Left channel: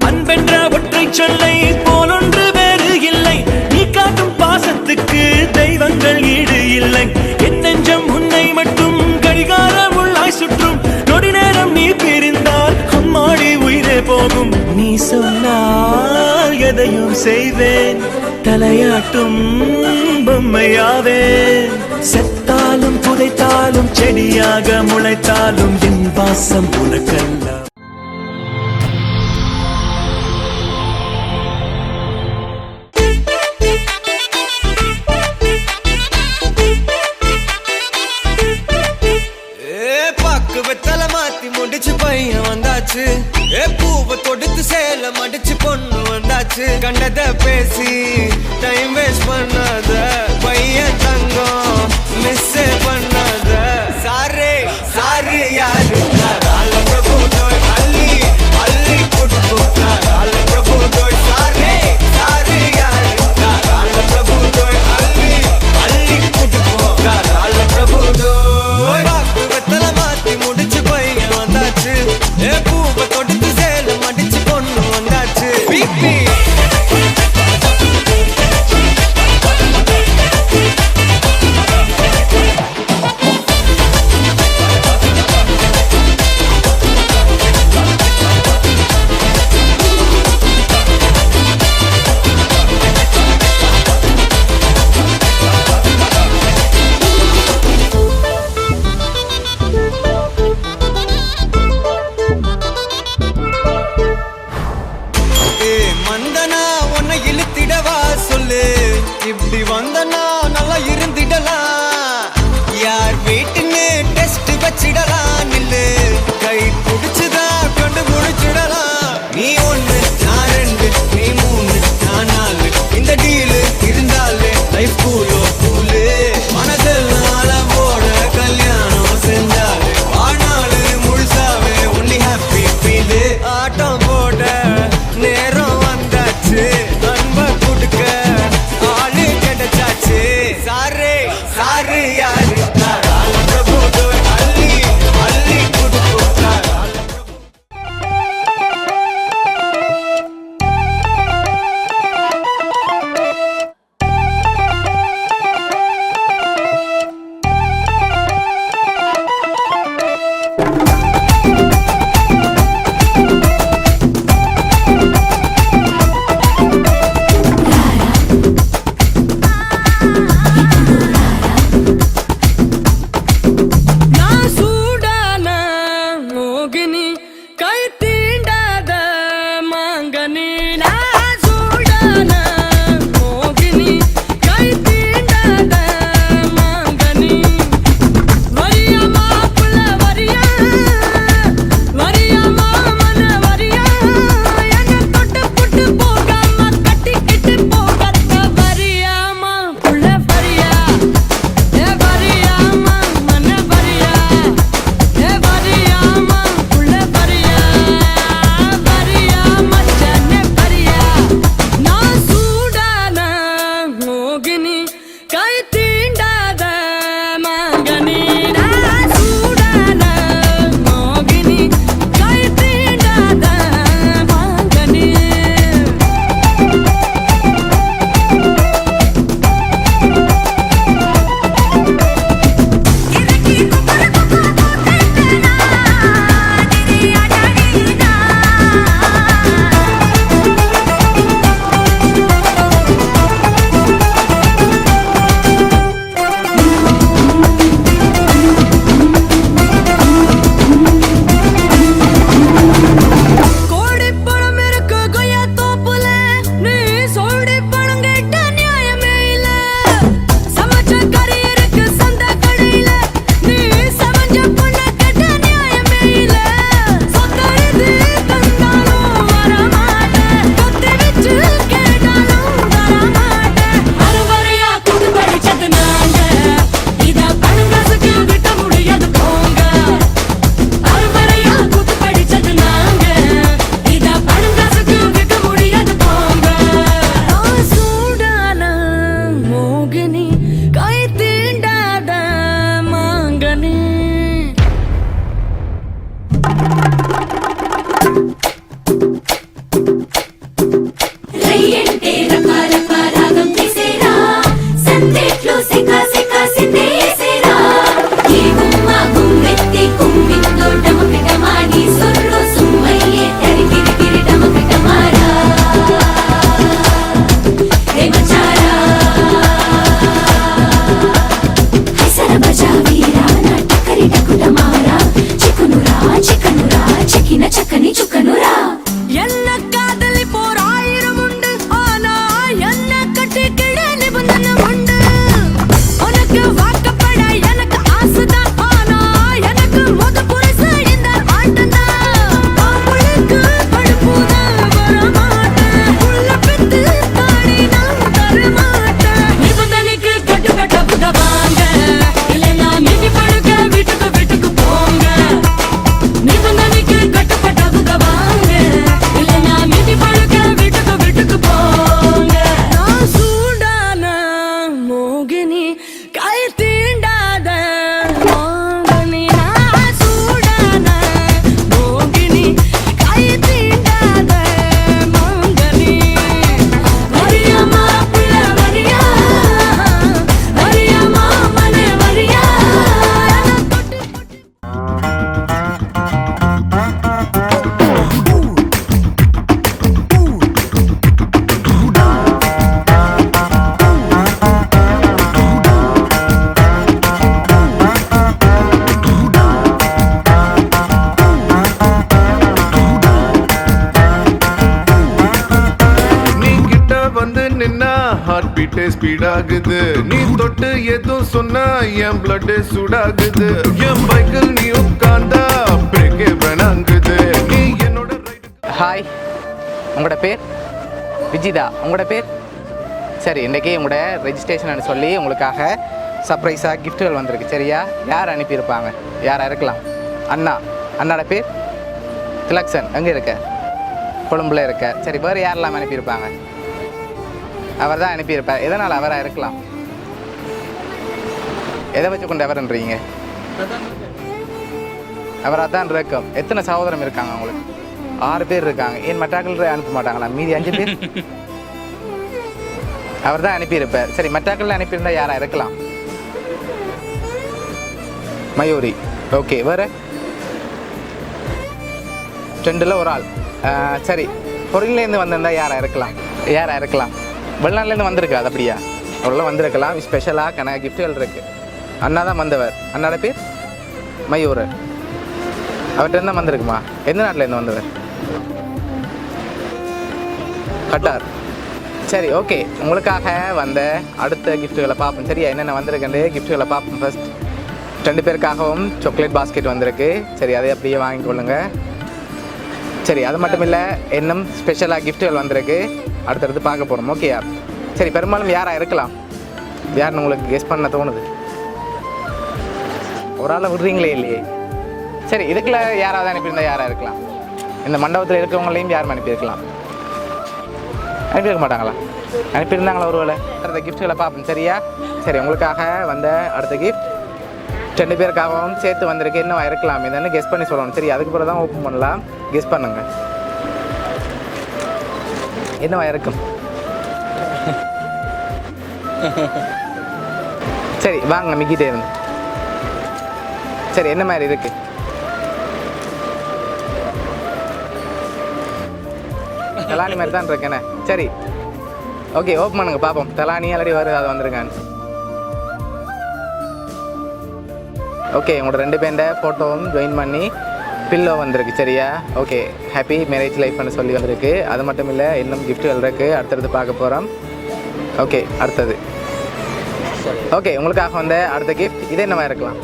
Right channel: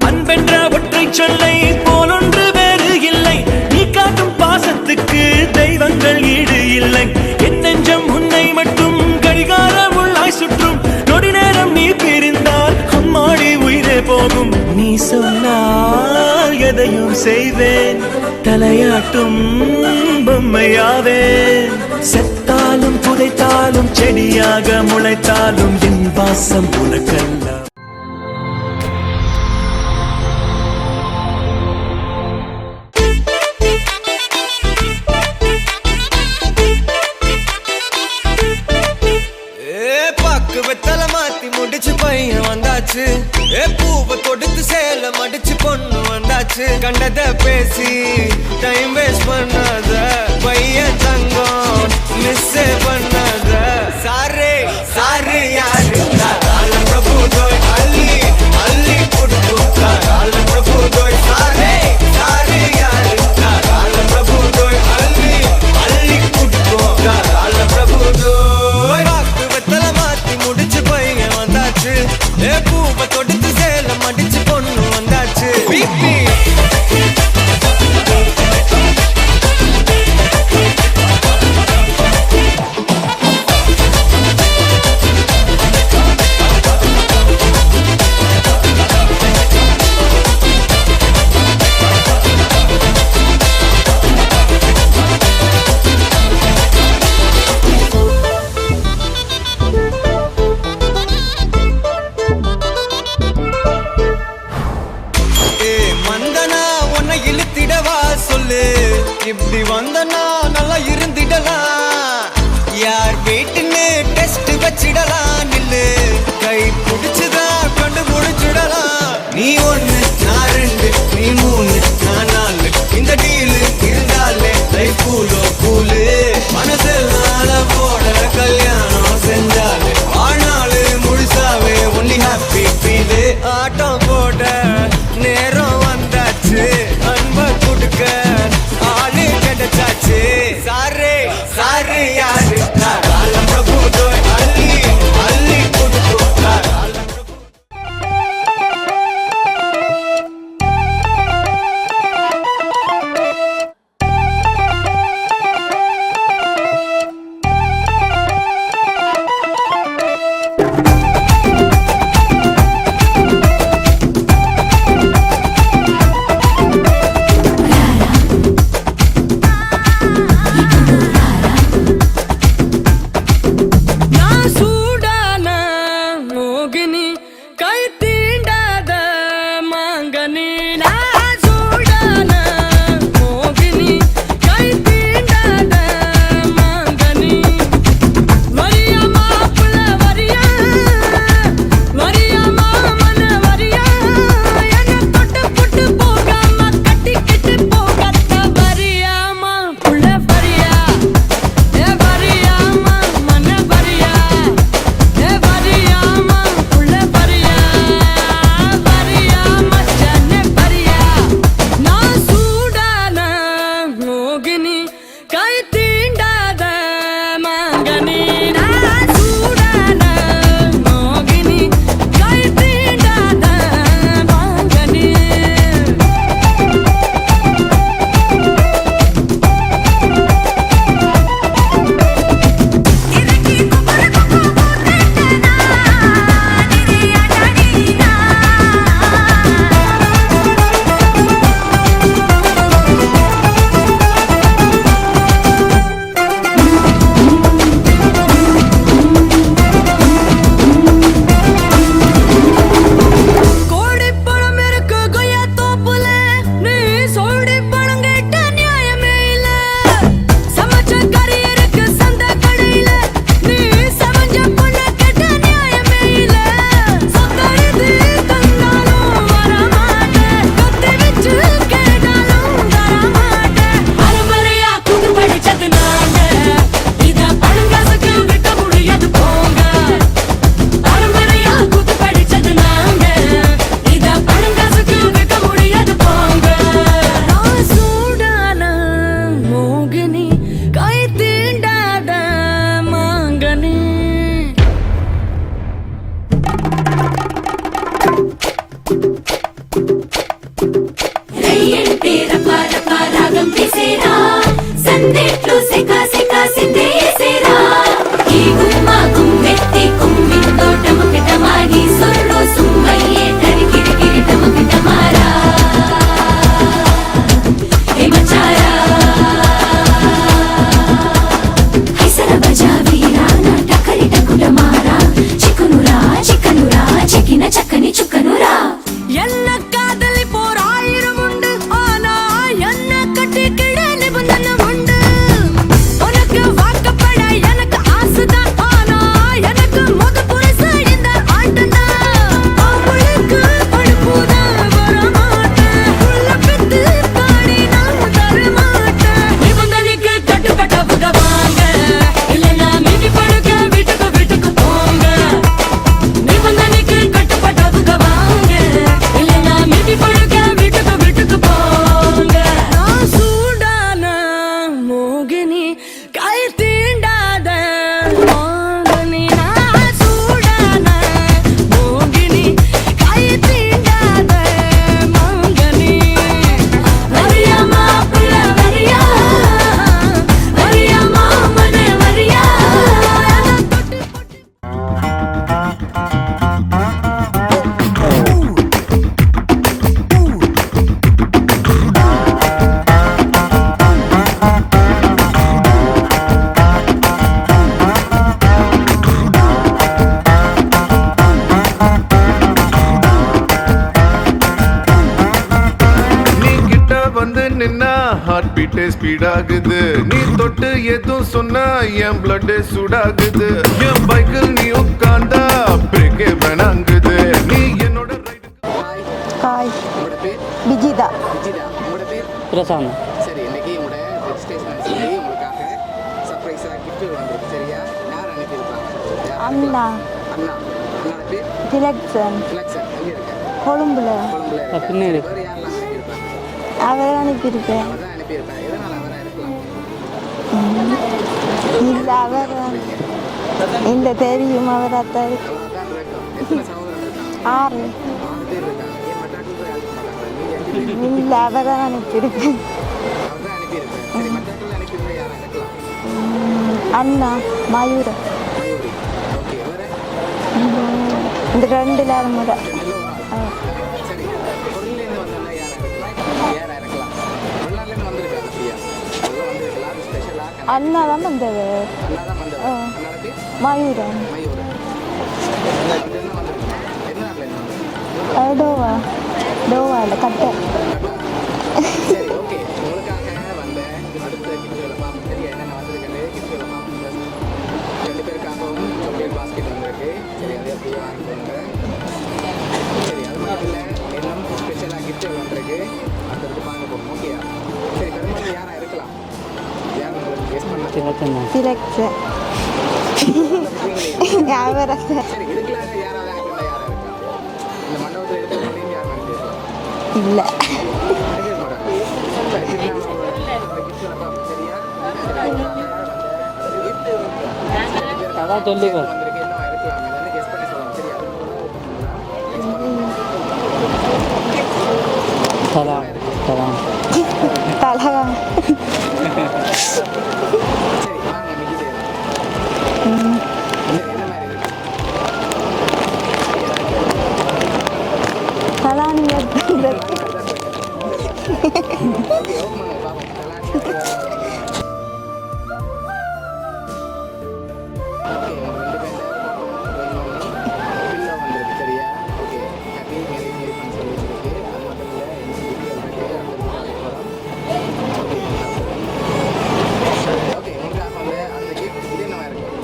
அன்பென்ற ஒற்றை சொல்லை போலொன்று வேறு இல்லை. நீ காட்டும் பாசத்துக்கு தெய்வங்கள் ஈடு இல்லை. என் நெஞ்சம் உன்னை மட்டும் கடிகாரம் உள்ளாய் சுற்றும். நொடி நேரம் நீ பிரிந்தால் அம்மாடி உயிரே போகும். நீ சொன்னால் எதையும் செய்வேன். தலையாட்டும் பொம்மையாவே. செத்தாலும் புதைத்தாலும் செடியாக முளைத்தாலும் என் பாசம் உனக்கல்ல. வந்தாச்சு. ஏ பூவை தொடுத்து சேல மடிச்சு பொண்ணு வந்தாச்சு. கண்டத பேசி டைம் வேஸ்ட் பண்ணாத. কাইতে பீட்டே ஸ்பீட் ஆகுது. நீ தொட்டு எதுவும் சொன்னா என் பிளட் சூடாகுது. என் பைக்கில் நீ உட்கார்ந்தா பிரேக்கே வேணாங்குது. நீ என்னோட ரைடு ஹாய் ஹாய் உங்களோட பேர்? விஜிதா. விஜிதா. உங்களோட பேர்? பிரசாந்த். சரி இன்னைக்கு உங்களோட ரெஜிஸ்ட்ரேஷன் சொல்லி உங்களுக்காக சர்ப்ரைஸாக கிஃப்ட்டுகள் வந்திருக்கு. சரியா? யார் அனுப்பியிருப்பாங்க? யாரா இருக்கலாம்? அண்ணா. அண்ணாட பேர்? திலக்சன். திலக்ஷன் எங்கே இருக்க? கொழும்புல. கொழும்புல இருக்க. சரி வேறு யாரெல்லாம் அனுப்பியிருப்பாங்க? அவர் அனுப்பியிருக்கேன் அவர் தான் அனுப்பியிருப்பார். எதனால் அவராக இருக்கலாம்? எதை வச்சு கொண்டு அவர்ன்றீங்க? இந்த தெரியும் அவராக தான் இருக்கும் எத்தனை சகோதரம் இருக்காங்க? ஆறு. பேர் இருக்காங்க. ஏன் மற்றாக்கள் அனுப்ப மாட்டாங்களா? மீதி அஞ்சு பேர்? அவர் தான் அனுப்பியிருக்கேன் அவர் தான் அனுப்பியிருப்பார். சரி மற்றாக்கள் அனுப்பியிருந்தா யாரா இருக்கலாம்? அண்ணா மயூரம் மயூரி. ஓகே வேறு? ரெண்டில் ஒரு ஆள். சரி. பொருள்லேருந்து வந்திருந்தா யாரா இருக்கலாம்? யாரா இருக்கலாம்? வெளிநாட்டிலேருந்து வந்திருக்கு அது அப்படியா உள்ள வந்திருக்கலாம் ஸ்பெஷலாக கனா அண்ணா தான் வந்தவர். அண்ணாட பேர்? மயூர். அவர்கிட்ட இருந்தால் வந்திருக்குமா? எந்த நாட்டிலேருந்து வந்தவர்? கட்டார். சரி ஓகே உங்களுக்காக வந்த அடுத்த கிஃப்ட்டுகளை பார்ப்போம். சரியா? என்னென்ன வந்திருக்குன்னு கிஃப்ட்டுகளை பார்ப்போம் ஃபர்ஸ்ட் ரெண்டு பேருக்காகவும் சாக்லேட் பாஸ்கெட் வந்திருக்கு. சரி அதை அப்படியே கொள்ளுங்க. சரி அது மட்டும் இல்லை இன்னும் ஸ்பெஷலாக கிஃப்ட்டுகள் வந்திருக்கு. அடுத்தடுத்து பார்க்க போகிறோம் ஓகேயா சரி பெரும்பாலும் யாராக இருக்கலாம்? யாருன்னு உங்களுக்கு கெஸ் பண்ண திலக்சன் ஒரு ஆளை விடுறீங்களே சரி இதுக்குள்ள யாராவது அனுப்பியிருந்தா யாராக இருக்கலாம்? இந்த மண்டபத்தில் இருக்கவங்களையும் யாரும் அனுப்பியிருக்கலாம்? இல்லை. அனுப்பியிருக்க மாட்டாங்களா? அனுப்பியிருந்தாங்களா ஒரு வேலை அடுத்த கிஃப்ட்களை பார்ப்போம். சரியா? சரி உங்களுக்காக வந்த அடுத்த கிஃப்ட் ரெண்டு பேருக்காகவும் சேர்த்து வந்திருக்கு. இன்னும் இருக்கலாம். என்னன்னு கெஸ் பண்ணி சொல்லணும். சரி அதுக்கு பிறகு தான் ஓப்பன் பண்ணலாம். கெஸ் பண்ணுங்க. என்னவா இருக்கும். சரி வாங்க மிக்கிட்டே இருந்து. சரி என்ன மாதிரி இருக்கு? தலானி தலானி மாதிரி தான் இருக்கேனே சரி. ஓகே ஓப்பன் பண்ணுங்க பார்ப்போம் தலானி அல்லடி வருது அதை வந்துருங்க. ஓகே உங்களோட ரெண்டு பேண்ட ஃபோட்டோவும் ஜாயின் பண்ணி பில்லோ வந்திருக்கு சரியா? ஓகே ஹாப்பி மேரேஜ் லைஃப்னு சொல்லி வந்திருக்கு. அது மட்டும் இல்லை இன்னும் கிஃப்ட்டுகள் இருக்கு. அடுத்தடுத்து பார்க்க போகிறோம் ஓகே அடுத்தது. ஓகே உங்களுக்காக வந்த அடுத்த கிஃப்ட் இது என்னவா இருக்கலாம்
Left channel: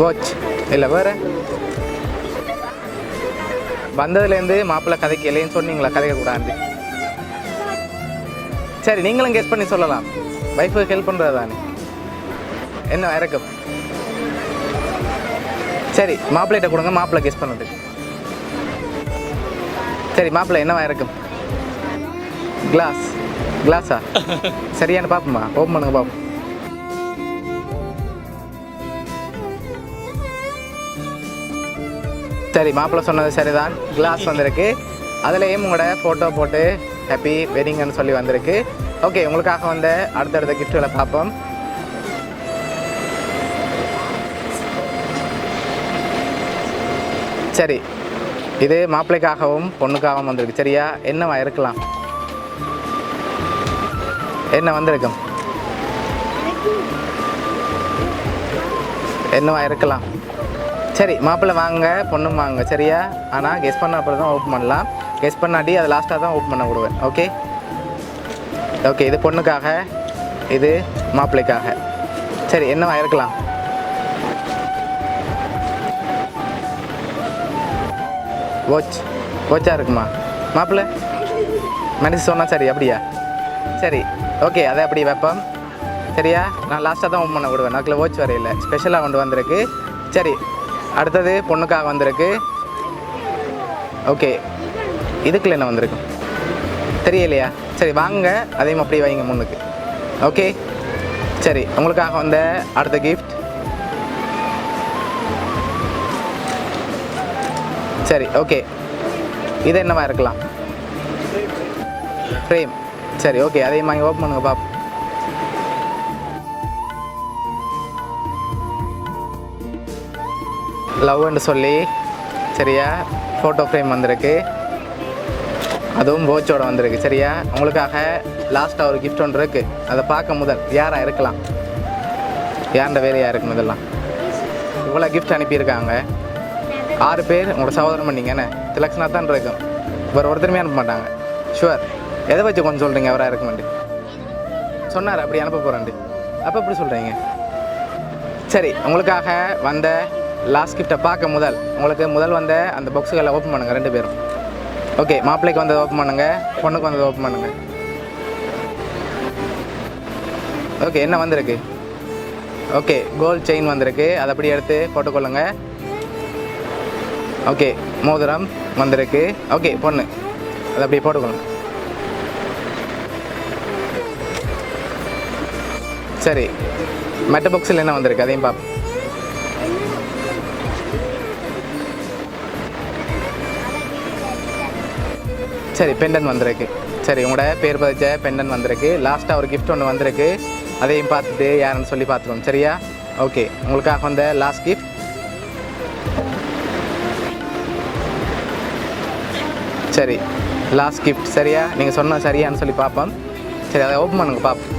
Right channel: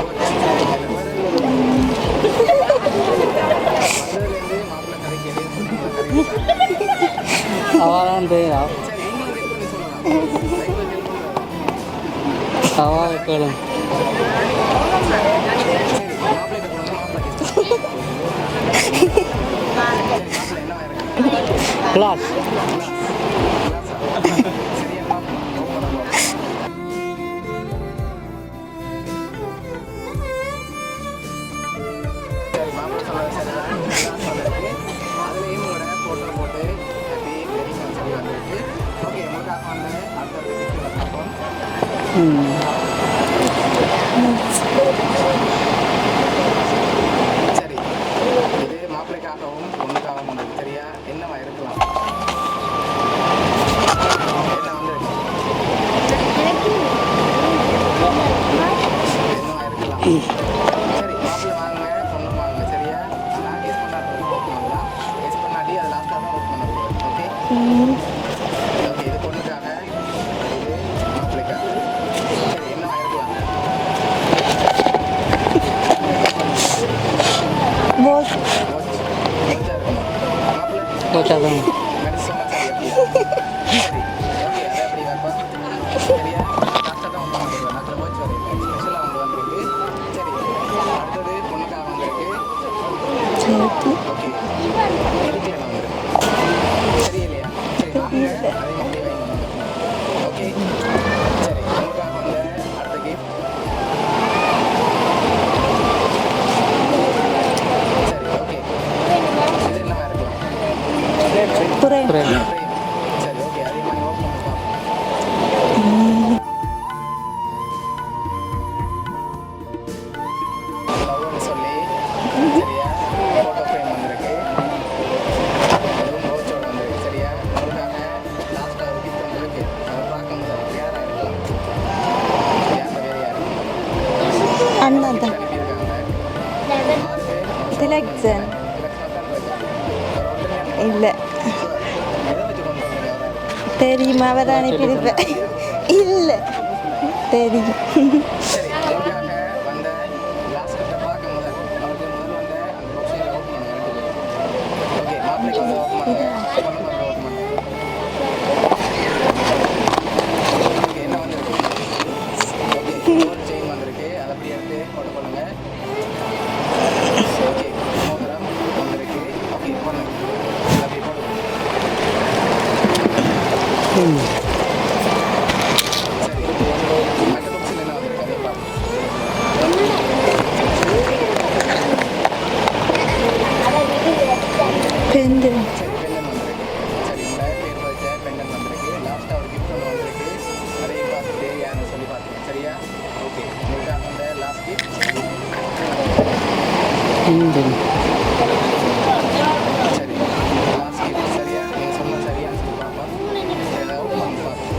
வாட்ச் இல்லை வேறு. வந்ததுலேருந்து மாப்பிள்ளை கதைக்கு இல்லைன்னு சொன்னீங்களா கதை சரி நீங்களும் கெஸ் பண்ணி சொல்லலாம். வைஃபுக்கு ஹெல்ப் பண்ணுறதா என்ன இறக்கம் சரி மாப்பிள்ளைகிட்ட கொடுங்க மாப்பிள்ளை கெஸ் பண்ணுங்க சரி மாப்பிள்ளை என்னவா இருக்கும் கிளாஸ் கிளாஸ் கிளாஸா சரியான பார்ப்போமா ஓப்பன் பண்ணுங்க பார்ப்போம் சரி மாப்பிள்ளை சொன்னது சரிதான். கிளாஸ் வந்திருக்கு. அதுலேயும் உங்களோட ஃபோட்டோ போட்டு ஹாப்பி வெட்டிங்னு சொல்லி வந்திருக்கு. ஓகே உங்களுக்காக வந்து அடுத்தடுத்த கிஃப்ட்களை பார்ப்போம். சரி இது மாப்பிள்ளைக்காகவும் பொண்ணுக்காகவும் வந்திருக்கு. சரியா? என்னவா இருக்கலாம். என்ன வந்திருக்கும் என்னவா இருக்கலாம். சரி மாப்பிள்ளை வாங்க பொண்ணு வாங்க சரியா? ஆனால் கெஸ் பண்ண அப்புறம் தான் ஓப்பன் பண்ணலாம். கெஸ் பண்ணாட்டி அது லாஸ்ட்டாக தான் ஓப்பன் பண்ண கொடுவேன் ஓகே ஓகே இது பொண்ணுக்காக இது மாப்பிள்ளைக்காக சரி என்னவா இருக்கலாம் வாட்ச் வாட்சா இருக்குமா? மாப்பிள்ளை? மனுஷன் சொன்னா சரி அப்படியா? சரி ஓகே அதை அப்படி வைப்போம்? சரியா? நான் லாஸ்ட்டாக தான் பண்ண கொடுவேன் அதில் வாட்ச் வரையில ஸ்பெஷலாக கொண்டு வந்திருக்கு. சரி அடுத்தது பொண்ணுக்காக வந்திருக்கு. ஓகே இதுக்குள்ள என்ன வந்திருக்கு? தெரியலையா? சரி வாங்க. அதையும் அப்படியே வைங்க முன்னுக்கு ஓகே சரி உங்களுக்காக வந்த அடுத்த கிஃப்ட் சரி ஓகே இது என்னவா இருக்கலாம்? ஃப்ரேம் சரி ஓகே அதையும் வாங்கி ஓப்பன் பண்ணுங்க பாப்போம். லவ்னு சொல்லி சரியா? ஃபோட்டோ ஃப்ரேம் வந்திருக்கு. அதுவும் வாட்சோட வந்திருக்கு சரியா? உங்களுக்காக லாஸ்ட்டாக ஒரு gift ஒன்று இருக்கு. அதை பார்க்க முதல் யாரா இருக்கலாம்? யார்கிட்ட வேறு யாருக்கு முதல்லாம் உங்களை கிஃப்ட் அனுப்பியிருக்காங்க. ஆறு பேர் உங்களோட சகோதரம் பண்ணிக்கண்ணே திலக்ஷனா தான் இருக்கும் வேறு ஒருத்தருமே அனுப்ப மாட்டாங்க. ஷுவர் எதை வச்சு கொஞ்சம் சொல்றீங்க? அவரா இருக்கும் தெரியும்? அவர் சொன்னார் அப்படி அனுப்பி அனுப்ப போறாங்க இல்லை. அப்ப எப்படி சொல்றீங்க? தெரியும். சரி உங்களுக்காக வந்த லாஸ்ட் கிட்ட பார்க்க முதல். உங்களுக்கு முதல் வந்த அந்த பாக்ஸுகளை ஓப்பன் பண்ணுங்க ரெண்டு பேரும். ஓகே மாப்பிள்ளைக்கு வந்ததை ஓப்பன் பண்ணுங்க பொண்ணுக்கு வந்ததை ஓப்பன் பண்ணுங்க. ஓகே என்ன வந்திருக்கு? ஓகே கோல்ட் செயின் வந்திருக்கு. அதை அப்படியே எடுத்து போட்டுக்கொள்ளுங்க ஓகே மோதிரம் வந்திருக்கு. ஓகே பொண்ணு அதை அப்படியே போட்டுக்கணும் சரி மற்ற பாக்ஸில் என்ன வந்திருக்கு? அதையும் பார்ப்போம் சரி பெண்டன் வந்திருக்கு. சரி உங்களோட பேர் பதிச்ச பெண்டன் வந்திருக்கு. லாஸ்ட்டாக ஒரு கிஃப்ட் ஒன்று வந்திருக்கு. அதையும் பார்த்துட்டு யாருன்னு சொல்லி பார்த்துருவோம். சரியா? ஓகே உங்களுக்காக வந்த லாஸ்ட் கிஃப்ட் சரி. லாஸ்ட் கிஃப்ட் சரியா? நீங்கள் சொன்ன சரியான்னு சொல்லி பார்ப்போம். சரி அதை ஓப்பன் பண்ணுங்க பார்ப்போம்.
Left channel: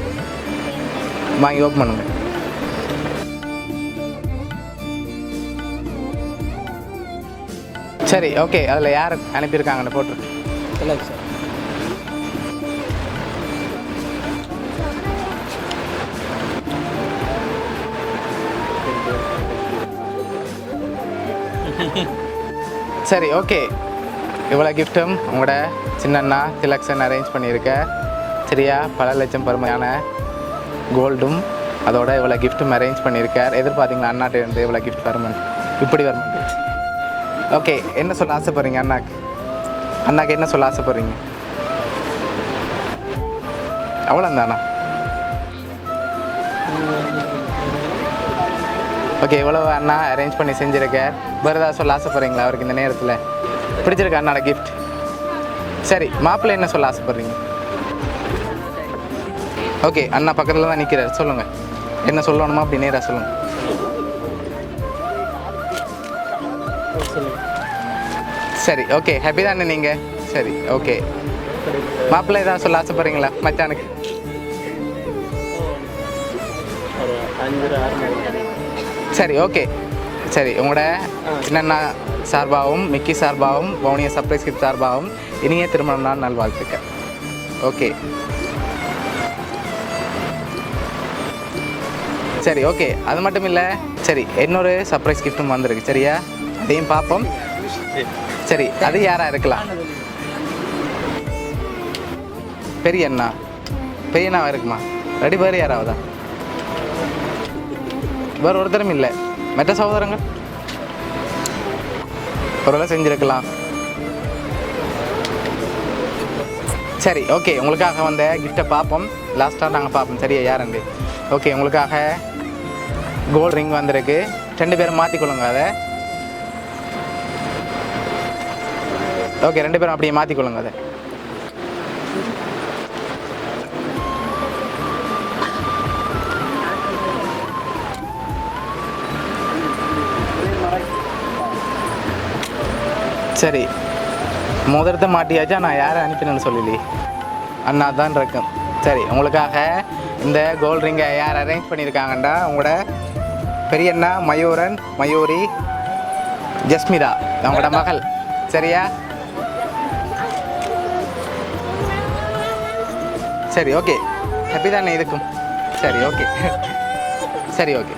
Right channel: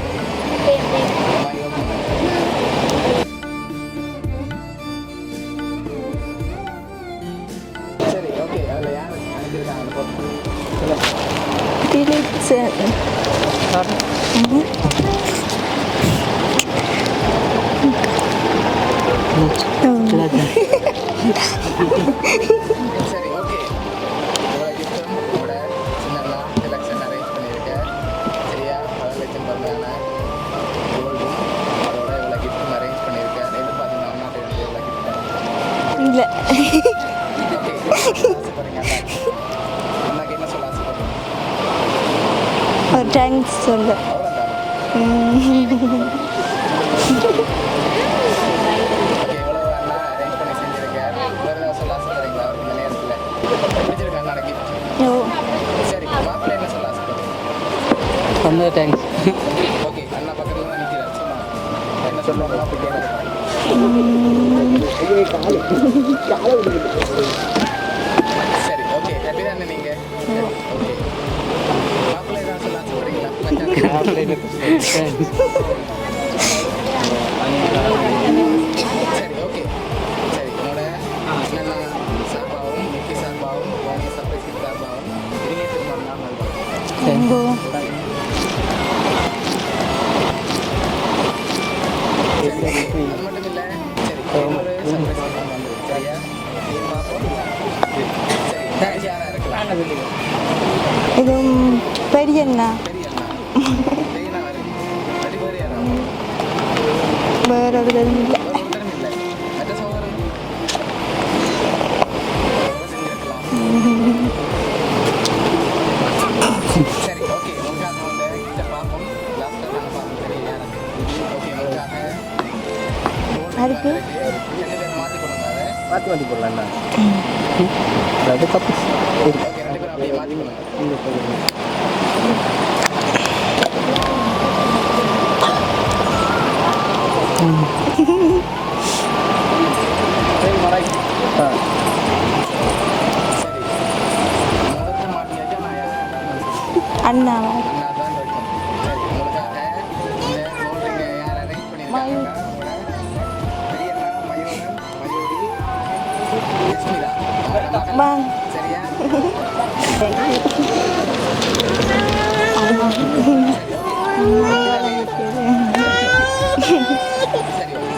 வாங்கி ஓப்பன் பண்ணுங்க. சரி ஓகே அதில் யார் அனுப்பியிருக்காங்க அந்த சார் ஓகே இவ்வளோ கிஃப்ட்டும் உங்களோட சின்னண்ணா திலக்ஷன் அரேஞ்ச் பண்ணியிருக்க. சரியா? பல லட்சம் பெருமையான கோல்டும் அதோட இவ்வளோ கிஃப்ட்டும் அரேஞ்ச் பண்ணியிருக்கார் எதிர்பார்த்தீங்களா அண்ணாட்ட இருந்து இவ்வளோ கிஃப்ட் வரும் இப்படி இல்லை. ஓகே என்ன சொல்ல ஆசைப்படுறீங்க அண்ணாக்கு? அண்ணாக்கு என்ன சொல்ல ஆசைப்படுறீங்க? தேங்க்ஸ் சொல்ல. அவ்வளோ தானா ஓகே இவ்வளோ அண்ணா அரேஞ்ச் பண்ணி செஞ்சிருக்க. வேறு ஏதாவது சொல்ல ஆசைப்படுறீங்களா அவருக்கு இந்த நேரத்தில்? பிடிச்சிருக்க அண்ணாட கிஃப்ட் சரி மாப்பிள்ளை என்ன சொல்ல ஆசைப்படுறீங்க ரொம்ப தேங்க்ஸ் ஓகே அண்ணா பக்கத்தில் தான் நிற்கிறார் சொல்லுங்க. என்ன சொல்லணுமா அப்படி நேராக சொல்லுங்க. சரி ஓகே ஹாப்பி தானே நீங்கள் சரி ஓகே மாப்பிள்ளை ஏதாவது சொல்ல ஆசைப்படுறீங்களா மச்சானுக்கு? சரி ஓகே சரி உங்களோட என்னென்ன சார்பாகவும் மிக்கி சார்பாகவும் பவுனிய சர்ப்ரைஸ் கிட் சார்பாகவும் இனிய திருமணம் நாள் நல்வாழ்த்துக்கள். ஓகே சரி ஓகே அது மட்டும் இல்லை சரி இன்னொரு சர்ப்ரைஸ் கிஃப்ட்டும் வந்திருக்கு. சரியா? இதையும் பார்ப்போம் சரி அது யாரா இருக்கலாம்? பெரியண்ணா பெரிய அண்ணா பெரிய அண்ணா இருக்குமா ரெடி பேர் யாராவதா? வேற ஒருத்தரும் இல்லை. மற்ற சகோதரங்க? ஒரு செஞ்சிருக்கலாம். சரி ஓகே உங்களுக்காக வந்த கிஃப்டை பார்ப்போம். லாஸ்ட்டாக நாங்கள் பார்ப்போம். சரியா யாருங்க ஓகே உங்களுக்காக கோல்ட் ரிங் வந்திருக்கு. ரெண்டு பேரும் மாற்றிக்கொள்ளுங்க அதை. மாற்றி மாற்றி போடலாம்ண்ணா ஓகே ரெண்டு பேரும் அப்படியே மாற்றிக்கொள்ளுங்க அதை. முதலத்தை மாட்டியாச்சா நான் யாரை அனுப்பினேன்னு சொல்லி அண்ணா. அண்ணா தான் இருக்கும் சரி உங்களுக்காக இந்த கோல்ட் ரிங்கை யார் அரேஞ்ச் பண்ணியிருக்காங்கண்டா? உங்களோட பெரியண்ணா மயூரன் மயூரி ஜஸ்மிதா அவங்களோட மகள். சரியா? சரி ஓகே ஹாப்பி தானே இருக்கும். சரி ஓகே சரி ஓகே